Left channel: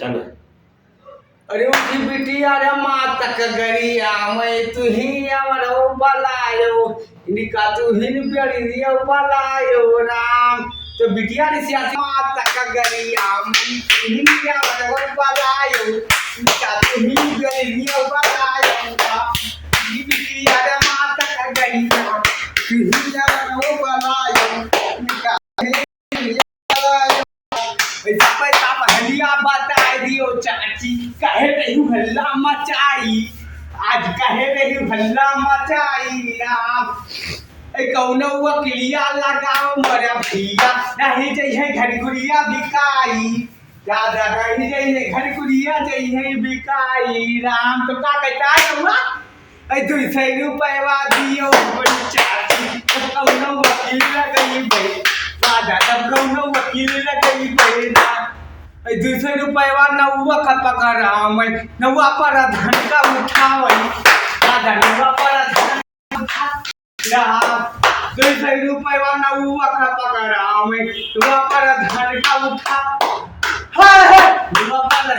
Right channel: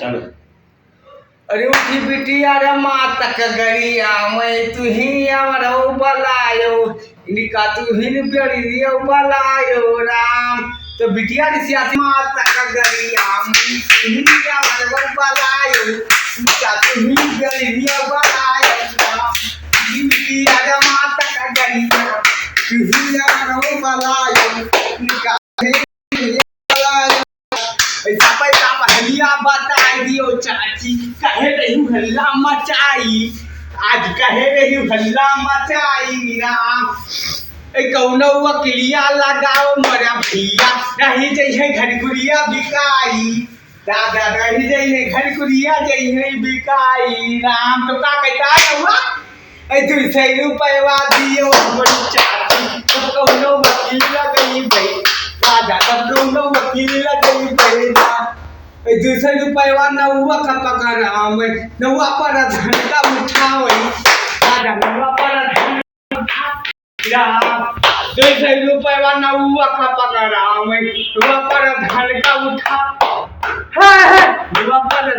चालू अरे उठी बिटिया रे माता का गरिया मैं तू ही अमरो बलायो निका तू ही बेड़िया बलायो राम तो बिटिया रे सियासी माता का गरिया मैं तू ही अमरो बलायो निका तू ही बेड़िया बलायो राम ही बिटिया रे माता का गरिया तू ही अमरो बलायो निका पैसा पैसा पहलिया बताई दियो चाची कहे रही हल्ला मचाई आज कहे रही हल्ला मचाई राम कौनो वकीलिया लगाओ मरा भैया नहीं जइहे घर गुड़िया बिकाई दादा नहीं जइहे घर गुड़िया जइहे बिकाई राम तो का कहता हुआ 200 रुपया दियो बड़ी चाची तो कौनो वकील लगई भाई दादा तब कौनो वकील लगई भाई 200 रुपया नौवा का पकड़ा मैं नौवा पर धन का उठावई दादा नौवा पर धन उठा 200 रुपया नौवा का पकड़ा मैं नौवा पर धन का उठा है नौवा पर